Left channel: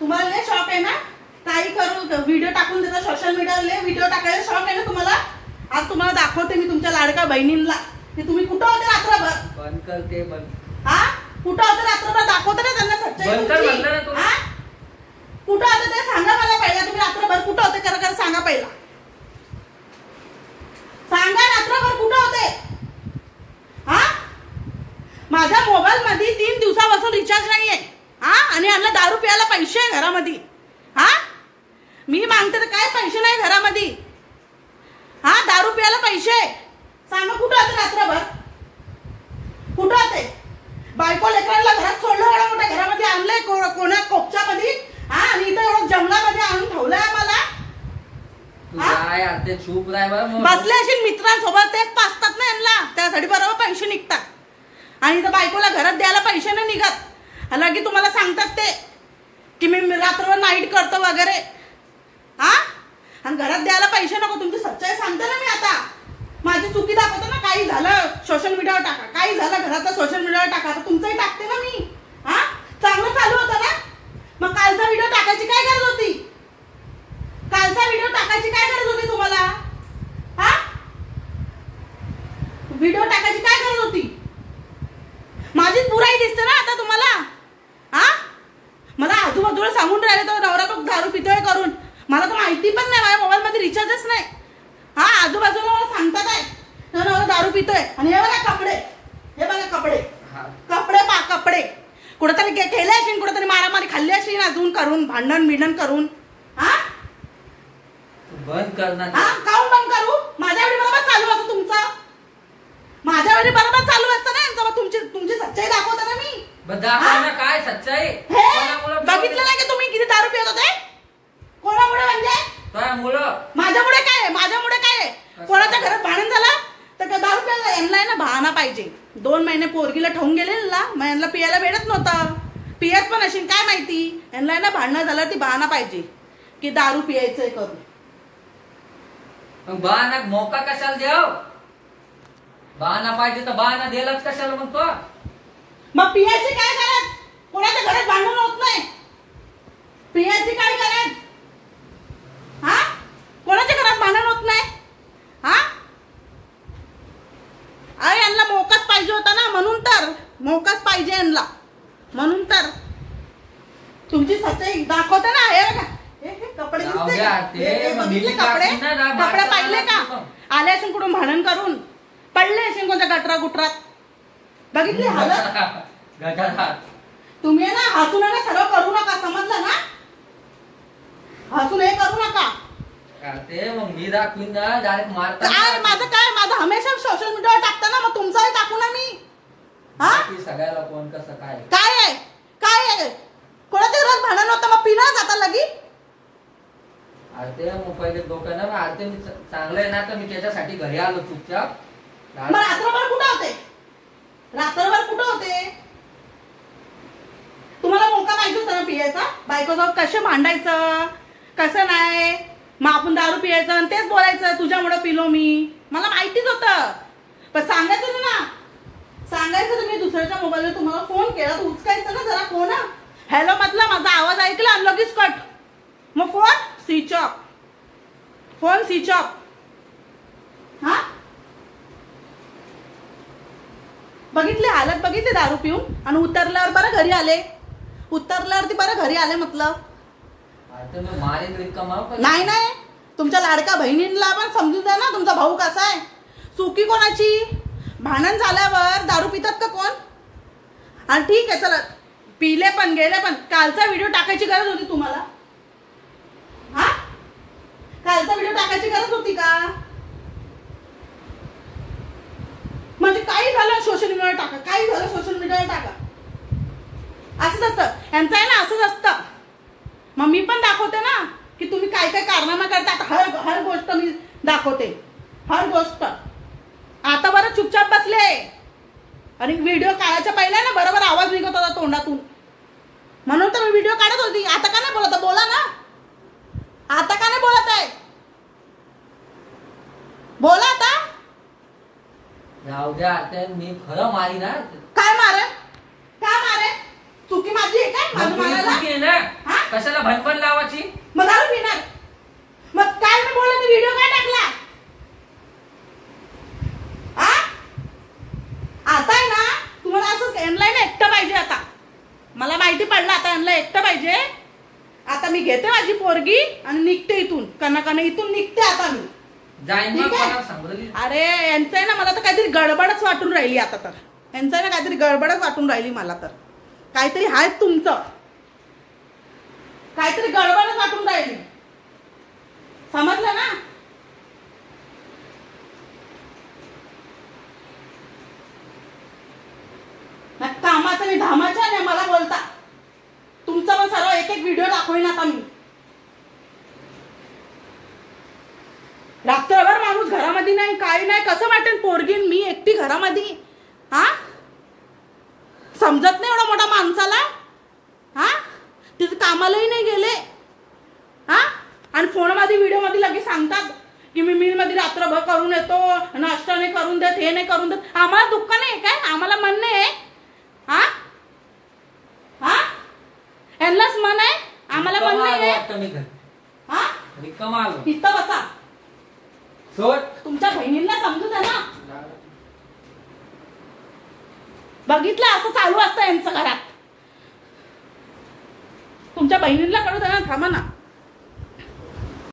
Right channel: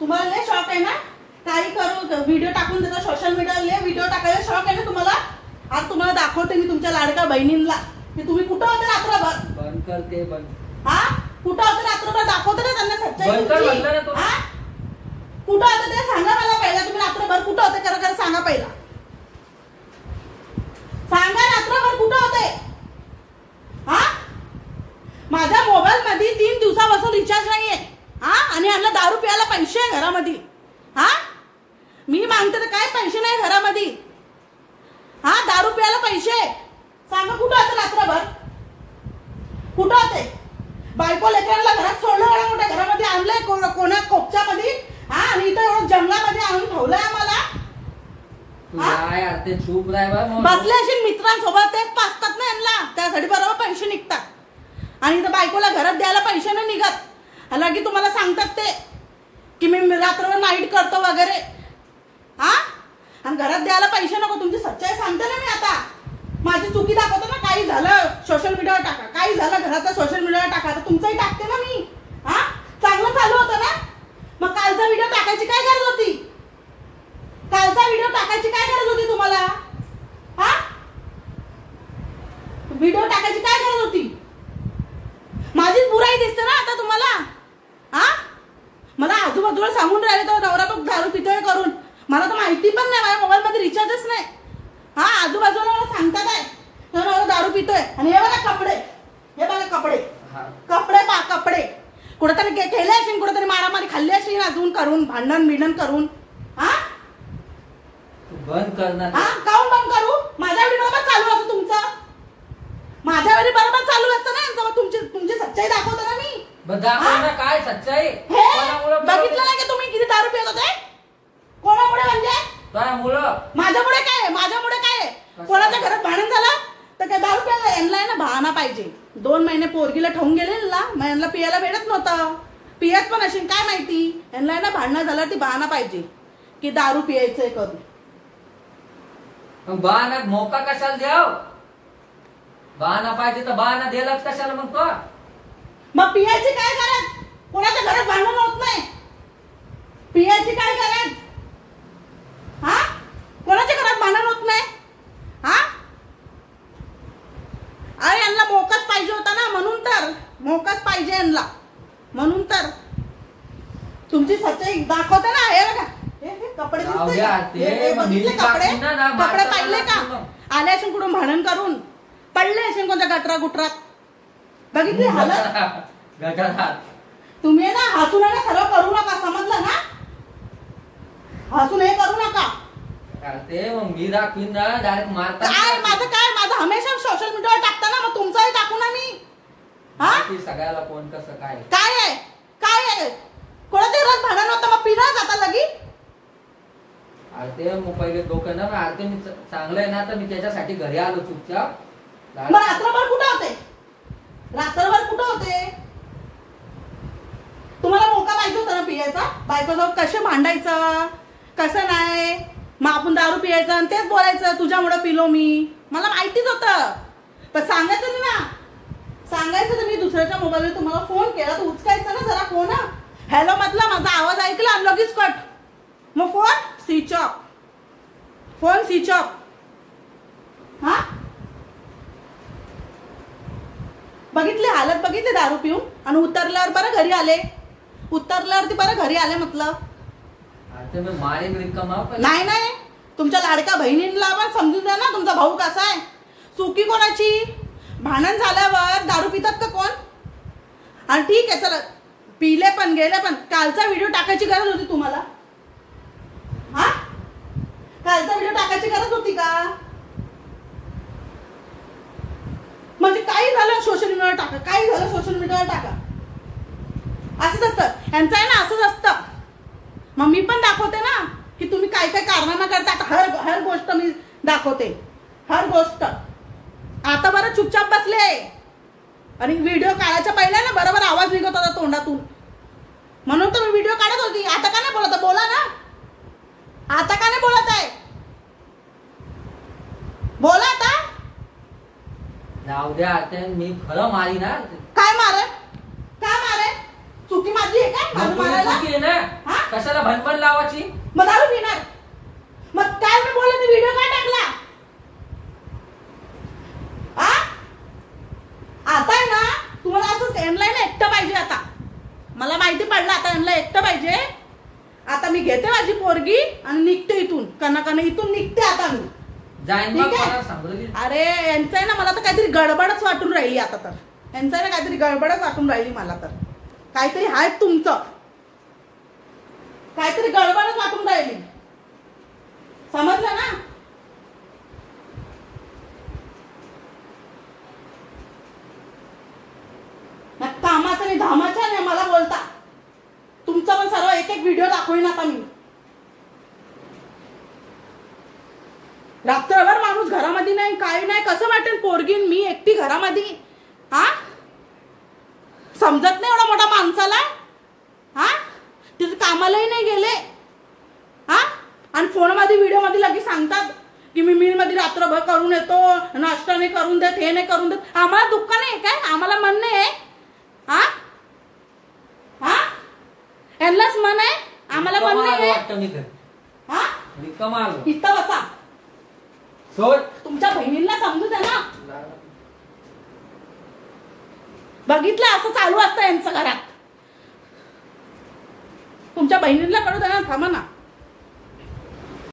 तुम्हाला लय शॉक आहे ना, काही करू व्हिडिओ टाकून देता सोशल मीडियाला, व्हिडिओ टाकायला शॉक आहे ना तुम्हाला। आज तुम्हाला दाखवते मी तुमच्या लाडका बहिणींना की तुम्ही कुठं होते रात्रभर। बंद कर ते बंद। हा कुठं होते रात्रभर दाखवते ना त्यांना सच्चाई। बंद कर म्हटलं ना तुला। कुठं होते ते सांगा मला पहिला, तुम्ही रात्रभर कुठं होते खरं सांगा पहिला, सांगा रात्रभर कुठं होते। हा माझ्या मोबाईल मध्ये 3 दिवसापासून रिचार्ज नाहीये। हा आणि यांना दारू प्यायला पैसे आहे घरामध्ये। हा मी मागते तर काय पैसे नाही घरामध्ये। हा दारू प्यायला पैसे सांगा कुठं होते रात्रभर, कुठं होते। बायको लेकरांना घरात सोडलं, एवढ्या मोठ्या घरामध्ये आणलंय कोणा कोपच्यामध्ये। हा आणि इथं एवढं जंगलामध्ये आणून ठेवलंय आम्हाला। ते चूप बसले असेल मित्रांसोबत, तेच पाचतात ना यांना, त्यासाठी बरोबर पैसे निघतात। आणि इथं बायकोला घरात द्यायला पैसे नाही निघत, लगे तुम्हाला सांगतात ते की मी रात्रभर नाईट करतो वगैरे। हा आणि घरात द्यायला पैसे नको, तुमची सच्चाई सांगते ना मी आता। माझी चुकी दाखवते ना, काही झालं सोशल मीडियावर टाका, काही झालं घरात सोशल मीडियावर टाका, तर तुमचंही टाकते ना मी। हा चांगलं चालू होतं ना, मग कालचा व्हिडिओ टाकायची काय गरज होती, कालचा व्हिडिओ टाकायची काय गरज होती तुम्हाला। हा व्हिडिओ टाकायची काय गरज होती, माझीच बुराई दिसते ना आता तुम्हाला। हा मला आजूबाजूला सांगून राहिले तो नवरा तो दारू पितोय करून, मला तर माहिती पण नाही, माझ्या मोबाईल मध्ये रिचार्जच नाही। हा आजूबाजूला मला सांगतात आहे तो नवरा दारू पितोय, आणि हे बघा कपडे, हे बघा कपडे, कपडे पा कपडे कुठेतरी केले असेल, कुठेतरी मारामारी खाल्ली असेल अजून करून, भांडण बिंडण करून। हा बंद करणार। हा काऊन बंद करू, माझ्या वेळी बरोबर चालू असतं तुमचं, माझ्या वेळी बरोबर चालू असतं ना, तुमची सच्चाई दाखवते ना मी। काय सच्चाई बघितलं नाही की तुम्ही किती दारू पित होते, कोणामुळे म्हणजे माझ्यामुळे काय, माझ्यामुळे काय, कोणाच्या घरात भांडण झालं तर काय दारू प्यायला यांना ना बहाना पाहिजे। 2 महिने पोरगीला ठेवून गेले ना, मग यांना पियाला भेटत नव्हतं, पियत पण असेल काय माहिती, यांना ना भांडण झालं ती बहाना पाहिजे की दारू पियायचंय करून। बहाना मोका कशाला द्याव, बहाना पाहिजे तर बहाना दिलाच कशाला मग तो। मग पियाची काय गरज, कोणाच्या घरात भांडण होत नाही, पियाची काय गरज। हा कोणाच्या घरात भांडण होत नाही। हा अरे यांना मोकाच पाहिजे होता ना, म्हणून तर मोकाच पाहिजे यांना, म्हणून तर तुमची सच्चाई दाखवते ना। हे बघा हे कपडे दिसते, कपडे पाहिले का, आले असून कुठून भांडण करून पडले असेल कोणत्या गटरा गुटरात, बघितली हालत गटारात। तुम्ही ना हसून ना सर्व करू नका, समजलं ना, हसून हे करू नका। मग मी दाखवीन ना डायरेक्ट मारता। माझं काय, माझं हमेशा सोशल मीडियावर टाकता ना, मग तुमचाही टाकू ना मी। हा सगळ्याला कोण कसं काय काय आहे, काय आहे, कोणाच्या घरात भांडण होतं मग पिना जाता लगी। ते मग पहिले डोकं ना, आरते मी चांगलं आहे ना, तर मी त्याच्यासाठी घरी आलो चुपचाप। मग रात्रभर कुठं होते, रात्रभर कुठं होते, तुम्हाला मोका पाहिजे होता ना पियायचा, बायकोसोबत कसं भांडायचं कसं नाही, मग आपण दारू पियायचं आणि तेच बोलायचं तुझ्यामुळे पिलो मी, मला माहितीच होतं, पण सांगायचं ना, सांगायचं तुम्ही दुसऱ्याच्या मोबाईलवर तुम्हाला फोन केला तर उचकायचं ना जरा फोन। हॅलो म्हटलं, माझा आवाज ऐकला आणि लगेच कट, मग phone switch off, phone switch off. हा बघितले हालत, बघितले दारू पिऊन, आणि उतरल्यावर बरं घरी आले, उतरल्यावरती बरं घरी आले म्हटलं। नाही नाही तुमच्या लाडक्या बहिणींना पण समजून द्या ना, तुमचा भाऊ कसा आहे, चुकी कोणाची, भांडण झाल्यावर दारू पितात का कोण। आणि ठीक आहे चला पिले पण गेले, पण कालचा व्हिडिओ टाकायची गरज होती तुम्हाला। हा कालचा व्हिडिओ टाकायची गरज होती का, म्हणजे काही झालं सोशल मीडियावर टाका, काही झालं सोशल मीडियावर टाका, असंच असतं यांचं आहे ना, असंच असतं। मग मी पण दाखवते ना की तुम्ही काय काय कारनामा करता, हर गोष्ट मी दाखवते, हर गोष्ट। आता बरं चुपचाप बसले, आणि व्हिडिओ काढायच्या पहिला ना बरोबर आवाज निघत होता तोंडातून, म्हणून तर मी व्हिडिओ काढत होती। आता का नाही बोलत, बोला ना, आता का नाही बोलत आहे, बोला आता। जाऊ द्या, मी खरं मारी ना। काय मारे, काय मारे, चुकी माझी आहे काय, चुकी आहे ना। हा कशाला भनभन लावायची? मग दारू पिणार. मग काल मी बोलले मी व्हिडिओ का टाकला? आता आहे ना तुम्हाला असंच यांना एकटं पाहिजे. आता मला माहिती पडलं आता यांना एकटं पाहिजे. आता मी घेते माझी पोरगी आणि निघते इथून. कना इथून निघते आता मी. जाईन मग मला सांगू. अरे यांचं आहे ना मला तर काहीतरी गडबडच वाटून राहिली आता. तर यांचं आहे ना काहीतरी गडबडच वाटून राहिली मला. तर काहीतरी आहे तुमचं. काहीतरी गडबडच वाटून राहिली. समजलं ना? कामाचं आणि धामाच्या नाही मला बोलता. तुमचा पण सर्व एक एक व्हिडिओ दाखवेन आता मी. रात्रभर माणूस घरामध्ये नाही काही नाही कसं वाटेल. पोरगीन मी एकटी घरामध्ये. हा समजत नाही एवढा मोठा माणसाला. हा तिथे कामालाही नाही गेले. हा आणि फोन मध्ये व्हिडिओ मध्ये लगेच सांगतात की मी मिल मध्ये रात्रभर करून येतो. नाश्ता नाही करून देत हे नाही करून देत. आम्हाला दुःख नाही काय? आम्हाला मन नाही आहे. हा हा यांनाच मन आहे आम्हाला मन नाही आहे. हा इथं बसा. तुमच्या बहिणींना समजू द्या ना. बघितलं असं चालू असतं यांचं घरात. तुमच्या बहिणींना कळू द्या ना. थांबा ना.